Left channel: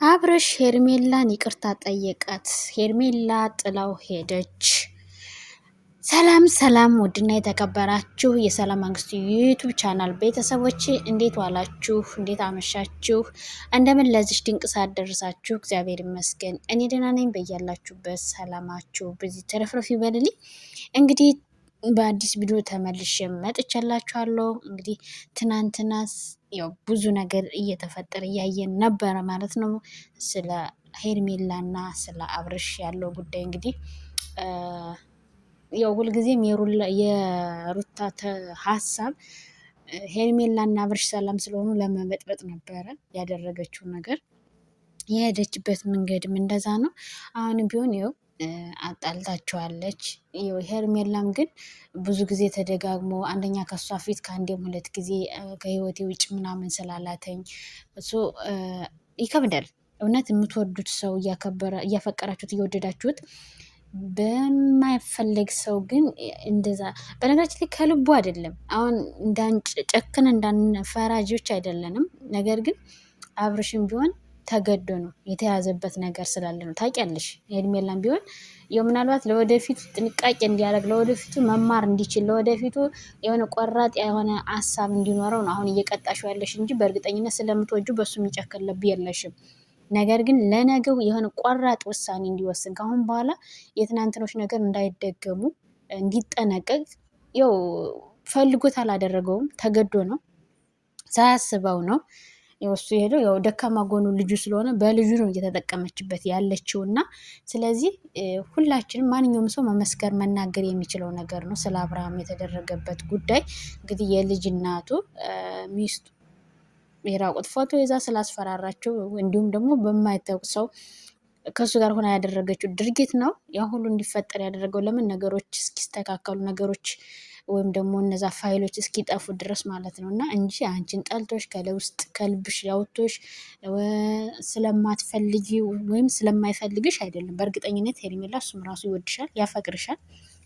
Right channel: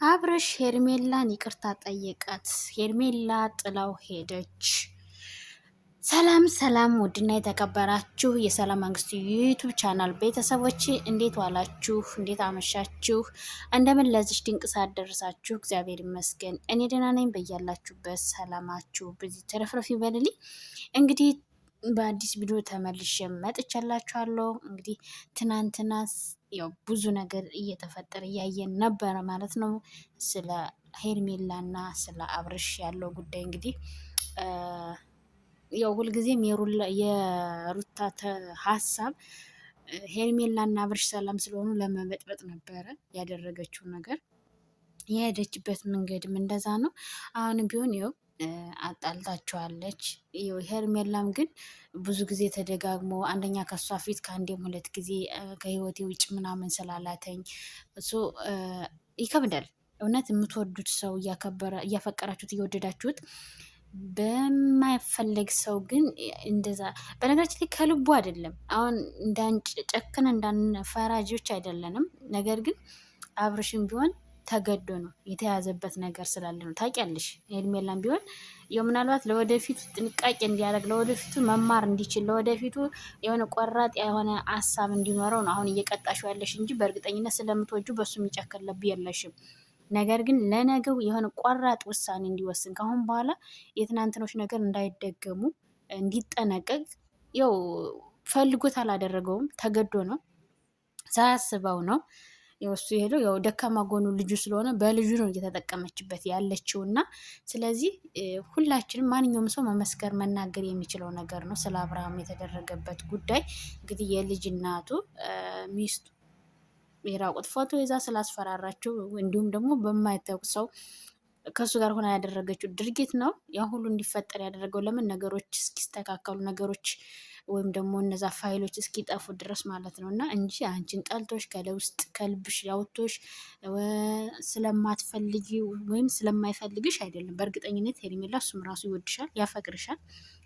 አብርሽ ሄርሜላን ይቅርታ ጠየቃት። ሄርሜላ ጥላው ሄደች። ሰላም ሰላም! ውድና የተከበራችሁ የሰላም መንግስቱ ዩቱብ ቻናል ቤተሰቦች እንዴት ዋላችሁ? እንዴት አመሻችሁ? እንደምን ለዚህ ድንቅ ሰዓት ደረሳችሁ? እግዚአብሔር ይመስገን እኔ ደህና ነኝ። በያላችሁበት ሰላማችሁ በዚህ ተረፍረፍ ይበልልኝ። እንግዲህ በአዲስ ቪዲዮ ተመልሼ መጥቻላችኋለሁ። እንግዲህ ትናንትናስ ያው ብዙ ነገር እየተፈጠረ እያየን ነበረ ማለት ነው። ስለ ሄርሜላና ስለ አብርሽ ያለው ጉዳይ እንግዲህ ያው ሁልጊዜም የሩታ ሀሳብ ሄርሜላና አብርሽ ሰላም ስለሆኑ ለመበጥበጥ ነበረ ያደረገችው ነገር። የሄደችበት መንገድም እንደዛ ነው። አሁንም ቢሆን ይኸው አጣልታቸዋለች። ሄርሜላም ግን ብዙ ጊዜ ተደጋግሞ አንደኛ ከሷ ፊት ከአንዴም ሁለት ጊዜ ከህይወቴ ውጭ ምናምን ስላላተኝ እሱ ይከብዳል። እውነት የምትወዱት ሰው እያፈቀራችሁት እየወደዳችሁት በማይፈለግ ሰው ግን እንደዛ በነገራችን ላይ ከልቡ አይደለም። አሁን ጨክን እንዳንፈራጆች አይደለንም። ነገር ግን አብርሽም ቢሆን ተገዶ ነው የተያዘበት ነገር ስላለ ነው። ታውቂያለሽ ሄርሜላም ቢሆን ያው ምናልባት ለወደፊት ጥንቃቄ እንዲያደርግ ለወደፊቱ መማር እንዲችል ለወደፊቱ የሆነ ቆራጥ የሆነ ሀሳብ እንዲኖረው ነው አሁን እየቀጣሽ ያለሽ እንጂ በእርግጠኝነት ስለምትወጁ በሱ የሚጨክል ልብ የለሽም። ነገር ግን ለነገው የሆነ ቆራጥ ውሳኔ እንዲወስን ከአሁን በኋላ የትናንትኖች ነገር እንዳይደገሙ እንዲጠነቀቅ ያው ፈልጎት አላደረገውም፣ ተገዶ ነው፣ ሳያስበው ነው እሱ የሄደው። ያው ደካማ ጎኑ ልጁ ስለሆነ በልጁ ነው እየተጠቀመችበት ያለችው እና ስለዚህ ሁላችንም ማንኛውም ሰው መመስከር መናገር የሚችለው ነገር ነው ስለ አብርሃም የተደረገበት ጉዳይ። እንግዲህ የልጅ እናቱ ሚስቱ የራቁት ፎቶ ይዛ ስላስፈራራቸው እንዲሁም ደግሞ በማይታወቅ ሰው ከእሱ ጋር ሆና ያደረገችው ድርጊት ነው ያ ሁሉ እንዲፈጠር ያደረገው። ለምን ነገሮች እስኪስተካከሉ ነገሮች ወይም ደግሞ እነዛ ፋይሎች እስኪጠፉ ድረስ ማለት ነው እና እንጂ አንቺን ጠልቶሽ ከለውስጥ ከልብሽ ያውቶሽ ስለማትፈልጊ ወይም ስለማይፈልግሽ አይደለም። በእርግጠኝነት ሄርሜላ እሱም ራሱ ይወድሻል፣ ያፈቅርሻል።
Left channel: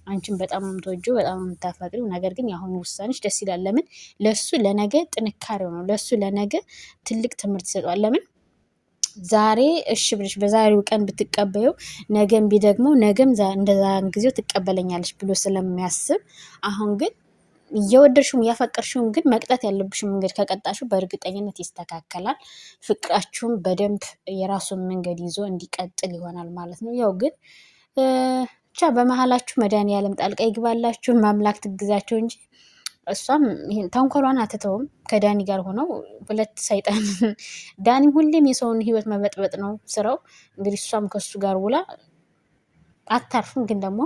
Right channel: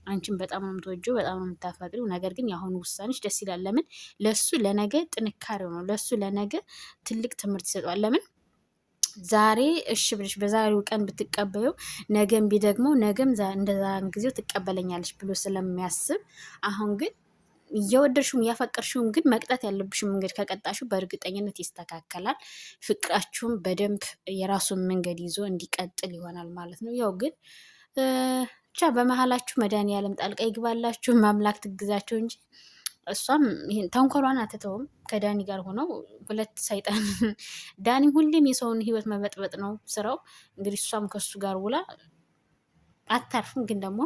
አንቺን በጣም የምትወጂው በጣም የምታፈቅሪው። ነገር ግን የአሁኑ ውሳኔሽ ደስ ይላል። ለምን ለሱ ለነገ ጥንካሬው ነው። ለሱ ለነገ ትልቅ ትምህርት ይሰጠዋል። ለምን ዛሬ እሺ ብለሽ በዛሬው ቀን ብትቀበዩ ነገም ቢደግሞ ነገም እንደዛን ጊዜው ትቀበለኛለች ብሎ ስለሚያስብ አሁን ግን እየወደድሽውም እያፈቀርሽውም ግን መቅጣት ያለብሽም መንገድ ከቀጣሽው በእርግጠኝነት ይስተካከላል። ፍቅራችሁም በደንብ የራሱን መንገድ ይዞ እንዲቀጥል ይሆናል ማለት ነው። ያው ግን ብቻ በመሀላችሁ መድኃኒዓለም ጣልቃ ይግባላችሁ፣ ማምላክ ትግዛቸው እንጂ እሷም ይሄን ተንኮሏን አትተውም። ከዳኒ ጋር ሆነው ሁለት ሰይጣን ዳኒ ሁሌም የሰውን ህይወት መበጥበጥ ነው ስራው። እንግዲህ እሷም ከሱ ጋር ውላ አታርፍም። ግን ደግሞ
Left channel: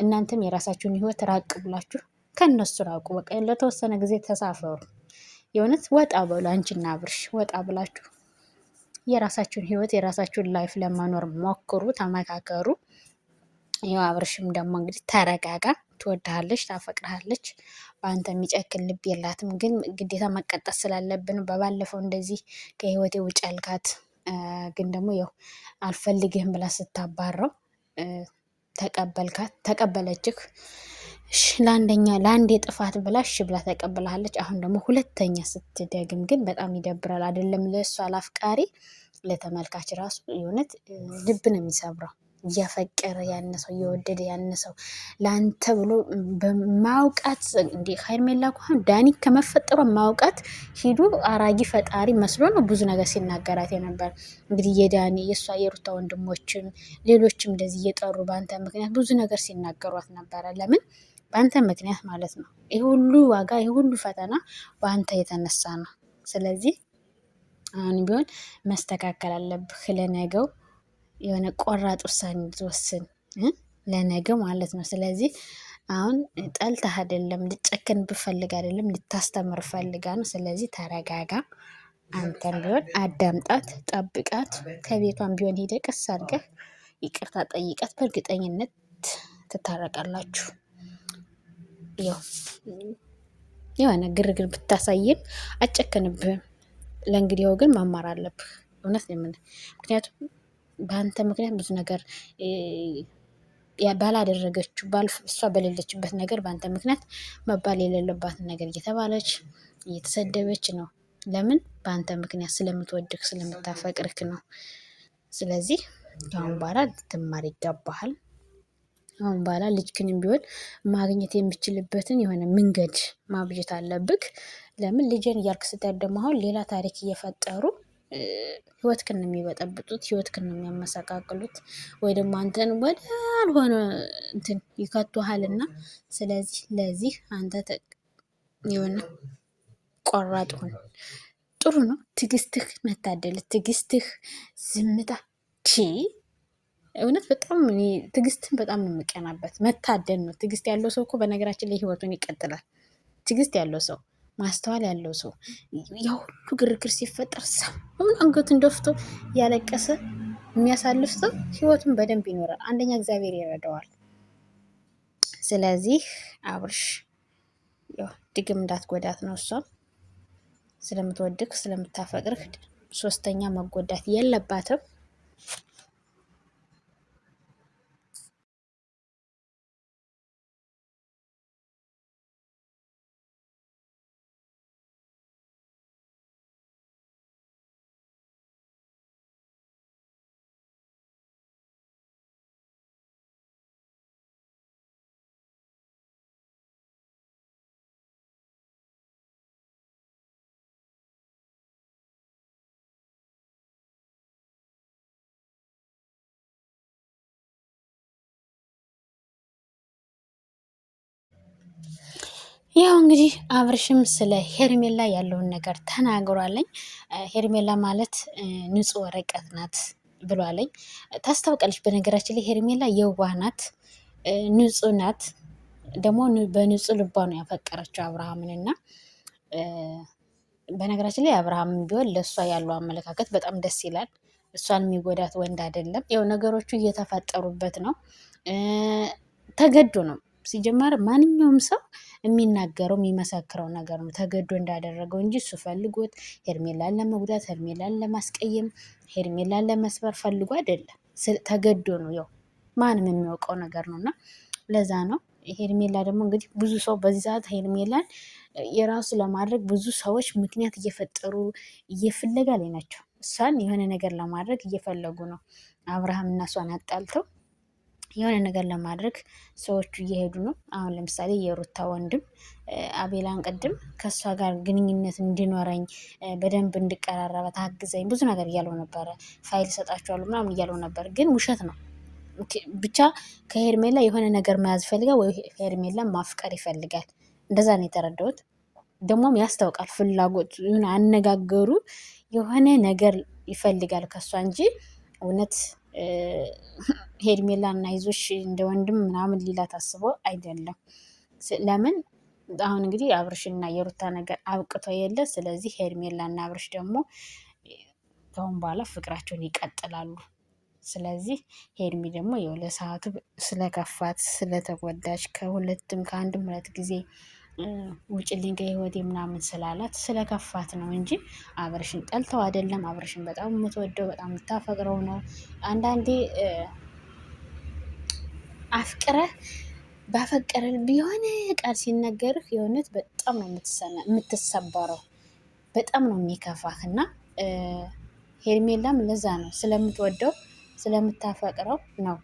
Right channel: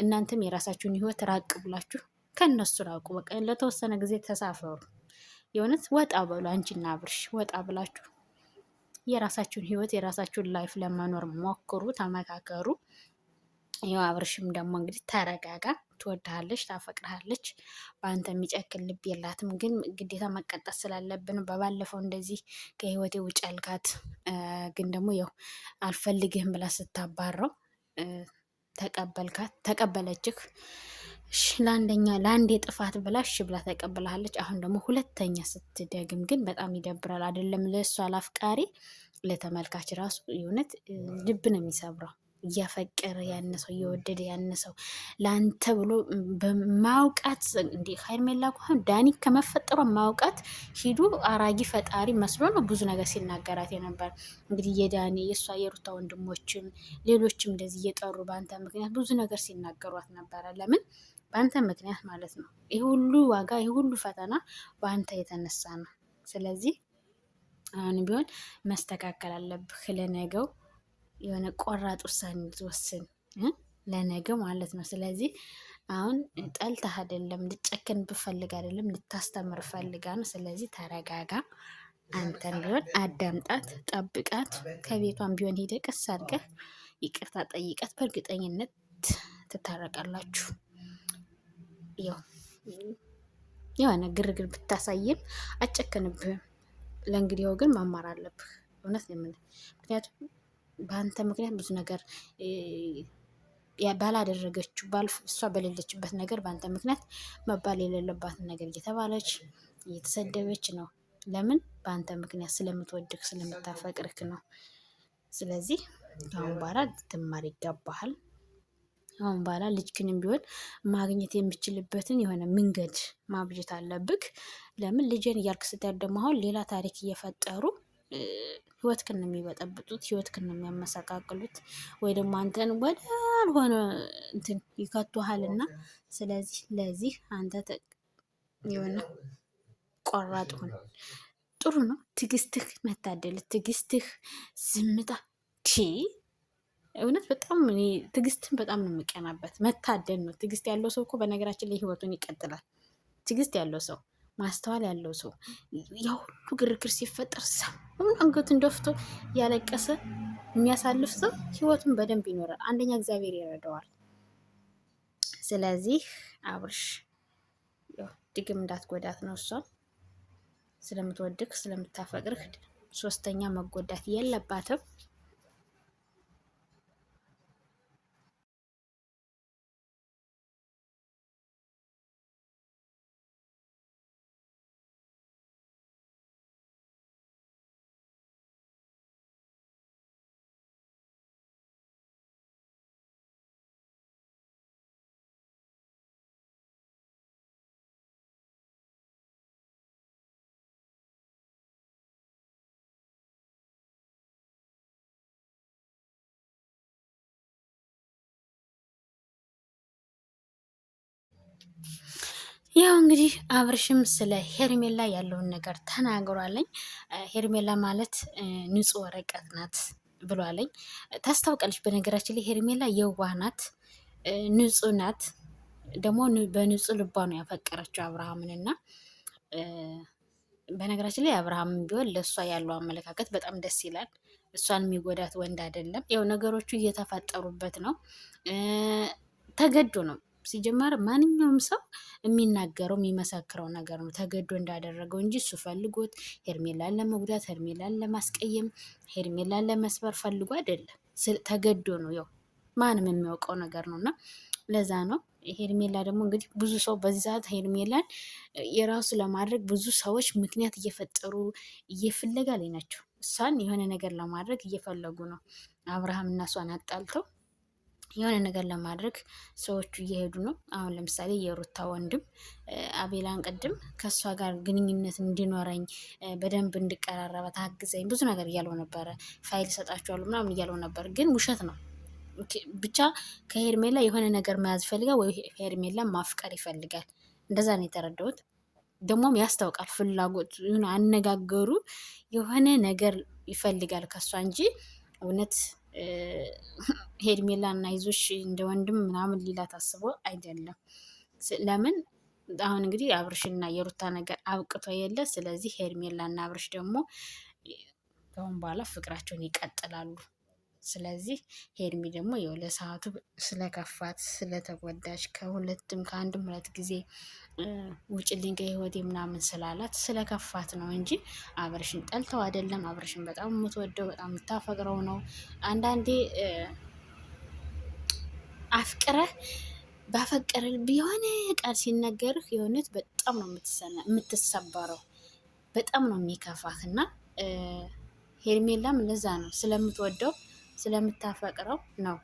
እናንተም የራሳችሁን ህይወት ራቅ ብላችሁ ከነሱ ራቁ። በቃ ለተወሰነ ጊዜ ተሳፈሩ። የእውነት ወጣ በሉ። አንቺና አብርሽ ወጣ ብላችሁ የራሳችሁን ህይወት የራሳችሁን ላይፍ ለመኖር ሞክሩ፣ ተመካከሩ። ያው አብርሽም ደግሞ እንግዲህ ተረጋጋ። ትወድሃለች፣ ታፈቅርሃለች። በአንተ የሚጨክል ልብ የላትም። ግን ግዴታ መቀጠት ስላለብን በባለፈው እንደዚህ ከህይወቴ ውጭ ያልካት ግን ደግሞ ያው አልፈልግህም ብላ ስታባረው ተቀበለችህ። ለአንዴ ጥፋት ብላ እሺ ብላ ተቀብላለች። አሁን ደግሞ ሁለተኛ ስትደግም ግን በጣም ይደብራል። አይደለም ለእሷ ለአፍቃሪ ለተመልካች ራሱ የእውነት ልብ ነው የሚሰብረው። እያፈቀረ ያነሰው እየወደደ ያነሰው ለአንተ ብሎ በማውቃት እንዲ ሄርሜላ እንኳን ዳኒ ከመፈጠሩ ማውቃት ሂዱ አራጊ ፈጣሪ መስሎ ነው ብዙ ነገር ሲናገራት የነበር። እንግዲህ የዳኒ የእሷ የሩታ ወንድሞችም ሌሎችም እንደዚህ እየጠሩ በአንተ ምክንያት ብዙ ነገር ሲናገሯት ነበረ። ለምን በአንተ ምክንያት ማለት ነው። ይህ ሁሉ ዋጋ ይህ ሁሉ ፈተና በአንተ የተነሳ ነው። ስለዚህ አሁን ቢሆን መስተካከል አለብህ ለነገው የሆነ ቆራጥ ውሳኔ ትወስን ለነገው ማለት ነው። ስለዚህ አሁን ጠልተህ አይደለም፣ ልጨክን ብፈልግ አይደለም፣ ልታስተምር ፈልጋ ነው። ስለዚህ ተረጋጋ። አንተም ቢሆን አዳምጣት፣ ጠብቃት። ከቤቷን ቢሆን ሄደ ቀስ አድርገህ ይቅርታ ጠይቃት። በእርግጠኝነት ትታረቃላችሁ። የሆነ ግርግር ብታሳይም አጨክንብህም። ለእንግዲያው ግን መማር አለብህ። እውነት ነው የምልህ። ምክንያቱም በአንተ ምክንያት ብዙ ነገር ባላደረገችው እሷ በሌለችበት ነገር በአንተ ምክንያት መባል የሌለባትን ነገር እየተባለች እየተሰደበች ነው ለምን? በአንተ ምክንያት ስለምትወድህ ስለምታፈቅርክ ነው። ስለዚህ ከአሁን በኋላ ልትማር ይገባሃል። አሁን በኋላ ልጅክንም ቢሆን ማግኘት የምችልበትን የሆነ መንገድ ማብጀት አለብክ። ለምን ልጅን እያልክ ስትሄድ ደግሞ አሁን ሌላ ታሪክ እየፈጠሩ ህይወትክን ነው የሚበጠብጡት፣ ህይወትክን ነው የሚያመሰቃቅሉት፣ ወይ ደግሞ አንተን ወደ አልሆነ እንትን ይከቱሃልና ስለዚህ ለዚህ አንተ የሆነ ቆራጥ ሁን። ጥሩ ነው ትዕግስትህ፣ መታደል ትዕግስትህ፣ ዝምታ እውነት በጣም እኔ ትዕግስትን በጣም ነው የምቀናበት። መታደል ነው። ትዕግስት ያለው ሰው እኮ በነገራችን ላይ ህይወቱን ይቀጥላል። ትዕግስት ያለው ሰው፣ ማስተዋል ያለው ሰው ያ ሁሉ ግርግር ሲፈጠር ሰውን አንገቱን ደፍቶ ያለቀሰ የሚያሳልፍ ሰው ህይወቱን በደንብ ይኖራል። አንደኛ እግዚአብሔር ይረዳዋል። ስለዚህ አብርሽ ድግም እንዳትጎዳት ነው እሷም ስለምትወድቅ ስለምታፈቅርህ ሶስተኛ መጎዳት የለባትም። ያው እንግዲህ አብርሽም ስለ ሄርሜላ ያለውን ነገር ተናግሯለኝ። ሄርሜላ ማለት ንጹህ ወረቀት ናት ብሏለኝ። ታስታውቃለች። በነገራችን ላይ ሄርሜላ የዋህ ናት፣ ንጹህ ናት። ደግሞ በንጹህ ልቧ ነው ያፈቀረችው አብርሃምን እና በነገራችን ላይ አብርሃም ቢሆን ለእሷ ያለው አመለካከት በጣም ደስ ይላል። እሷን የሚጎዳት ወንድ አይደለም። ያው ነገሮቹ እየተፈጠሩበት ነው፣ ተገዶ ነው። ሲጀመር ማንኛውም ሰው የሚናገረው የሚመሰክረው ነገር ነው ተገዶ እንዳደረገው እንጂ እሱ ፈልጎት ሄርሜላን ለመጉዳት፣ ሄርሜላን ለማስቀየም፣ ሄርሜላን ለመስበር ፈልጎ አይደለም። ተገዶ ነው። ያው ማንም የሚያውቀው ነገር ነው እና ለዛ ነው። ሄርሜላ ደግሞ እንግዲህ ብዙ ሰው በዚህ ሰዓት ሄርሜላን የራሱ ለማድረግ ብዙ ሰዎች ምክንያት እየፈጠሩ እየፍለጋ ላይ ናቸው። እሷን የሆነ ነገር ለማድረግ እየፈለጉ ነው። አብርሃም እና እሷን አጣልተው የሆነ ነገር ለማድረግ ሰዎቹ እየሄዱ ነው። አሁን ለምሳሌ የሩታ ወንድም አቤላን ቅድም ከእሷ ጋር ግንኙነት እንዲኖረኝ በደንብ እንድቀራረበት አግዘኝ ብዙ ነገር እያለው ነበረ። ፋይል ሰጣችኋለሁ ምናምን እያለው ነበር፣ ግን ውሸት ነው። ብቻ ከሄርሜላ የሆነ ነገር መያዝ ይፈልጋል ወይ ሄርሜላ ማፍቀር ይፈልጋል። እንደዛ ነው የተረዳሁት። ደግሞም ያስታውቃል ፍላጎት አነጋገሩ የሆነ ነገር ይፈልጋል ከሷ እንጂ እውነት ሄርሜላ እና ይዞሽ እንደ ወንድም ምናምን ሊላ ታስቦ አይደለም። ለምን አሁን እንግዲህ አብርሽና የሩታ ነገር አብቅቶ የለ። ስለዚህ ሄርሜላ እና አብርሽ ደግሞ ከአሁን በኋላ ፍቅራቸውን ይቀጥላሉ። ስለዚህ ሄርሚ ደግሞ የው ለሰዓቱ ስለከፋት ስለተጎዳች ከሁለትም ከአንድም ሁለት ጊዜ ውጭልኝ ከህይወቴ ምናምን ስላላት ስለከፋት ነው እንጂ አብርሽን ጠልተው አይደለም። አብርሽን በጣም የምትወደው በጣም የምታፈቅረው ነው። አንዳንዴ አፍቅረህ ባፈቀረ ቢሆን ቃል ሲነገርህ የእውነት በጣም ነው የምትሰበረው፣ በጣም ነው የሚከፋህ። እና ሄርሜላም ለዛ ነው ስለምትወደው ስለምታፈቅረው ነው።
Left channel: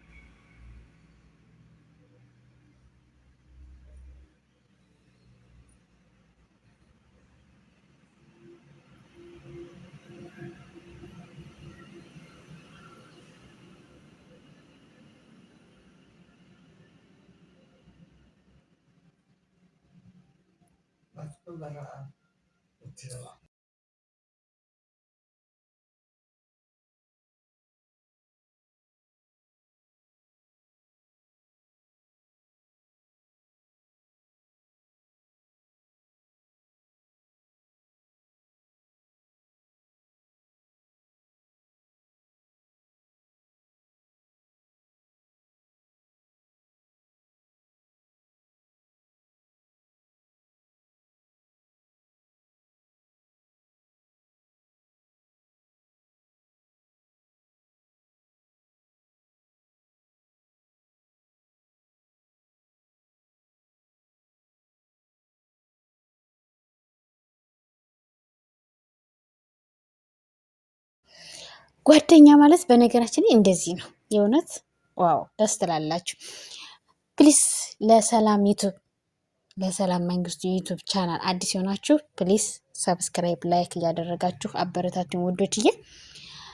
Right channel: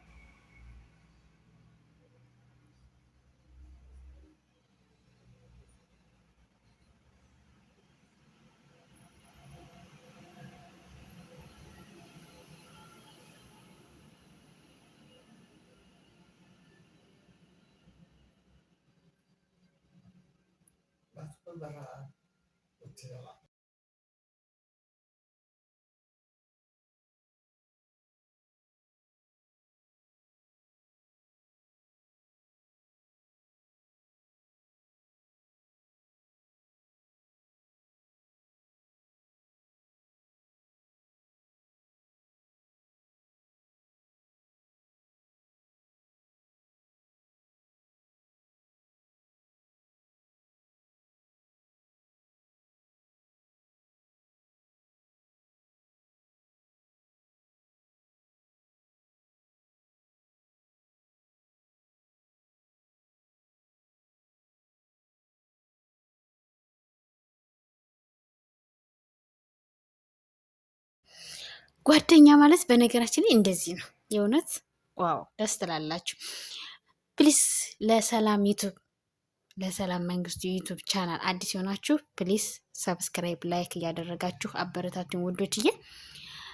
ጓደኛ ማለት በነገራችን ላይ እንደዚህ ነው። የእውነት ዋው ደስ ትላላችሁ። ፕሊስ ለሰላም ዩቱብ ለሰላም መንግስቱ የዩቱብ ቻናል አዲስ የሆናችሁ ፕሊስ ሰብስክራይብ፣ ላይክ እያደረጋችሁ አበረታችን ውዶችዬ።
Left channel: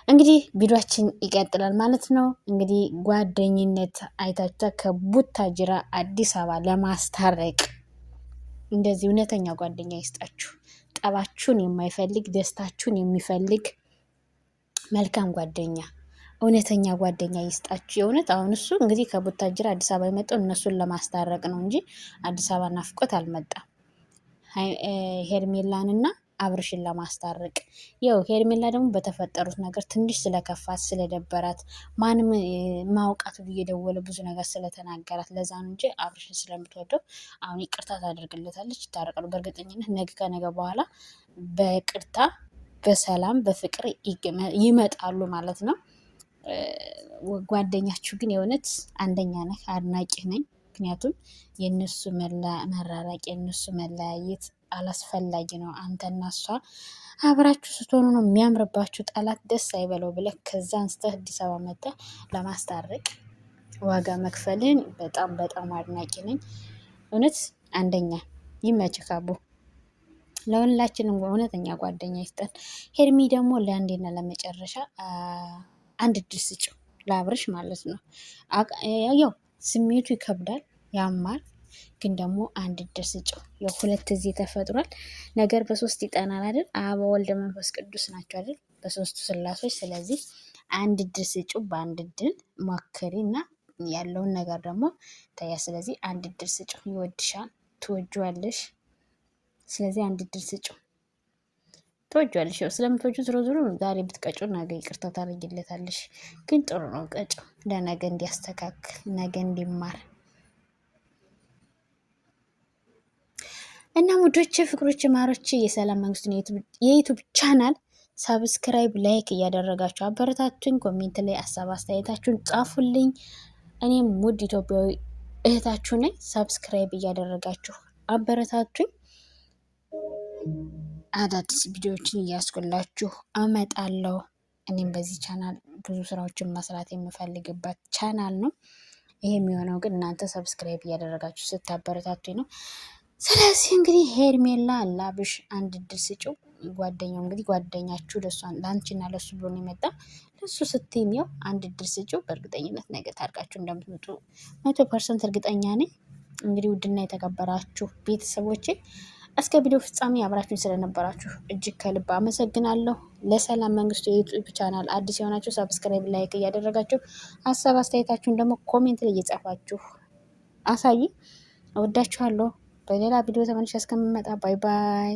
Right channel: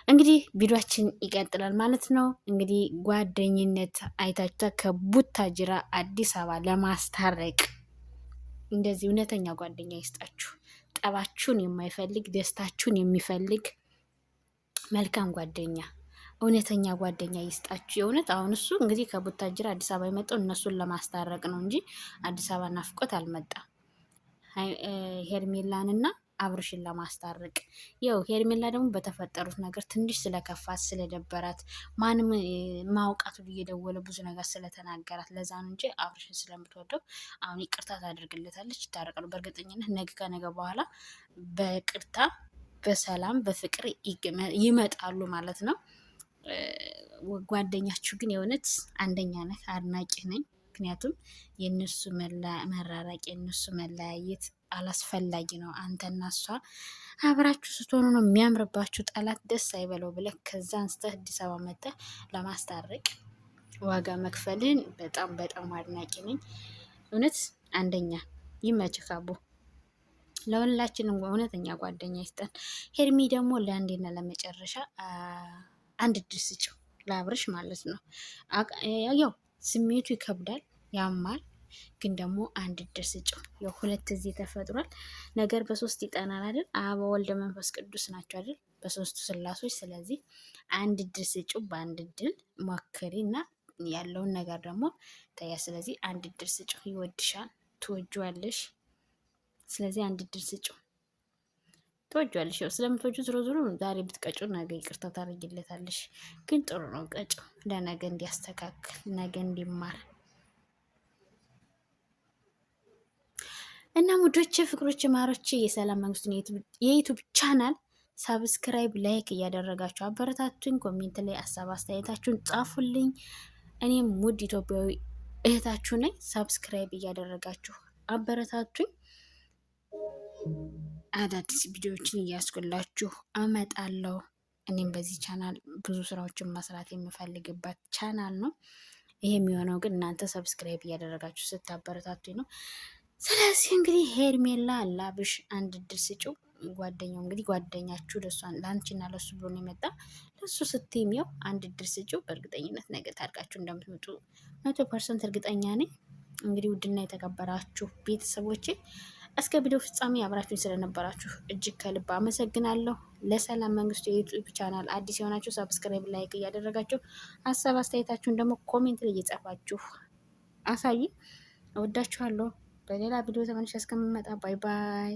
እንግዲህ ቪዲዮችን ይቀጥላል ማለት ነው። እንግዲህ ጓደኝነት አይታችኋ ከቡታጅራ አዲስ አበባ ለማስታረቅ እንደዚህ እውነተኛ ጓደኛ ይስጣችሁ። ጠባችሁን የማይፈልግ ደስታችሁን የሚፈልግ መልካም ጓደኛ፣ እውነተኛ ጓደኛ ይስጣችሁ። የእውነት አሁን እሱ እንግዲህ ከቡታጅራ አዲስ አበባ የመጣው እነሱን ለማስታረቅ ነው እንጂ አዲስ አበባ ናፍቆት አልመጣም። ሄርሜላንና አብርሽን ለማስታረቅ ያው ሄርሜላ ደግሞ በተፈጠሩት ነገር ትንሽ ስለከፋት ስለደበራት ማንም ማውቃት እየደወለ ብዙ ነገር ስለተናገራት ለዛ ነው እንጂ አብርሽን ስለምትወደው አሁን ይቅርታ ታደርግለታለች፣ ይታረቃሉ። በእርግጠኝነት ነገ ከነገ በኋላ በቅርታ በሰላም በፍቅር ይመጣሉ ማለት ነው። ጓደኛችሁ ግን የእውነት አንደኛ ነህ፣ አድናቂ ነኝ። ምክንያቱም የእነሱ መራራቅ የእነሱ መለያየት አላስፈላጊ ነው። አንተና እሷ አብራችሁ ስትሆኑ ነው የሚያምርባችሁ። ጠላት ደስ አይበለው ብለህ ከዛ አንስተህ አዲስ አበባ መጥተህ ለማስታረቅ ዋጋ መክፈልን በጣም በጣም አድናቂ ነኝ። እውነት አንደኛ ይመችህ አቡ። ለሁላችንም እውነተኛ ጓደኛ ይስጠን። ሄርሚ ደግሞ ለአንዴና ለመጨረሻ አንድ እድል ስጭው ለአብርሽ ማለት ነው። ያው ስሜቱ ይከብዳል፣ ያማል፣ ግን ደግሞ አንድ እድል ስጭው። ያው ሁለት ጊዜ ተፈጥሯል። ነገር በሶስት ይጠናል አይደል? አብ ወልድ መንፈስ ቅዱስ ናቸው አይደል? በሶስቱ ስላሶች። ስለዚህ አንድ እድል ስጭው፣ በአንድ እድል ሞክሪ እና ያለውን ነገር ደግሞ ታያ። ስለዚህ አንድ እድል ስጭው። ይወድሻል፣ ትወጂዋለሽ። ስለዚህ አንድ እድል ስጭው። ትወጂዋለሽ። ያው ስለምትወጁ ዝሮ ዝሮ ዛሬ ብትቀጩ ነገ ይቅርታ ታደርጊለታለሽ። ግን ጥሩ ነው ቀጩ፣ ለነገ እንዲያስተካክል ነገ እንዲማር እና ሙዶች፣ ፍቅሮች፣ ማሮች የሰላም መንግስቱን የዩቱብ ቻናል ሳብስክራይብ ላይክ እያደረጋችሁ አበረታቱኝ። ኮሜንት ላይ ሀሳብ አስተያየታችሁን ጻፉልኝ። እኔም ሙድ ኢትዮጵያዊ እህታችሁ ነኝ። ሳብስክራይብ እያደረጋችሁ አበረታቱኝ። አዳዲስ ቪዲዮዎችን እያስኩላችሁ አመጣለሁ። እኔም በዚህ ቻናል ብዙ ስራዎችን መስራት የምፈልግበት ቻናል ነው። ይሄ የሚሆነው ግን እናንተ ሰብስክራይብ እያደረጋችሁ ስታበረታቱኝ ነው። ስለዚህ እንግዲህ ሄርሜላ ላብሽ አንድ እድል ስጭው። ጓደኛው እንግዲህ ጓደኛችሁ ለአንቺና ለሱ ብሎ ነው የመጣ። ለሱ ስትይም ያው አንድ እድል ስጭው። በእርግጠኝነት ነገ ታርቃችሁ እንደምትመጡ 100% እርግጠኛ ነኝ። እንግዲህ ውድና የተከበራችሁ ቤተሰቦቼ እስከ ቪዲዮ ፍጻሜ አብራችሁኝ ስለነበራችሁ እጅግ ከልብ አመሰግናለሁ። ለሰላም መንግስቱ የዩቲዩብ ቻናል አዲስ የሆናችሁ ሰብስክራይብ፣ ላይክ እያደረጋችሁ ሀሳብ አስተያየታችሁን ደግሞ ኮሜንት ላይ እየጻፋችሁ አሳይ። እወዳችኋለሁ። በሌላ ቪዲዮ ተመልሼ እስከምመጣ ባይ ባይ።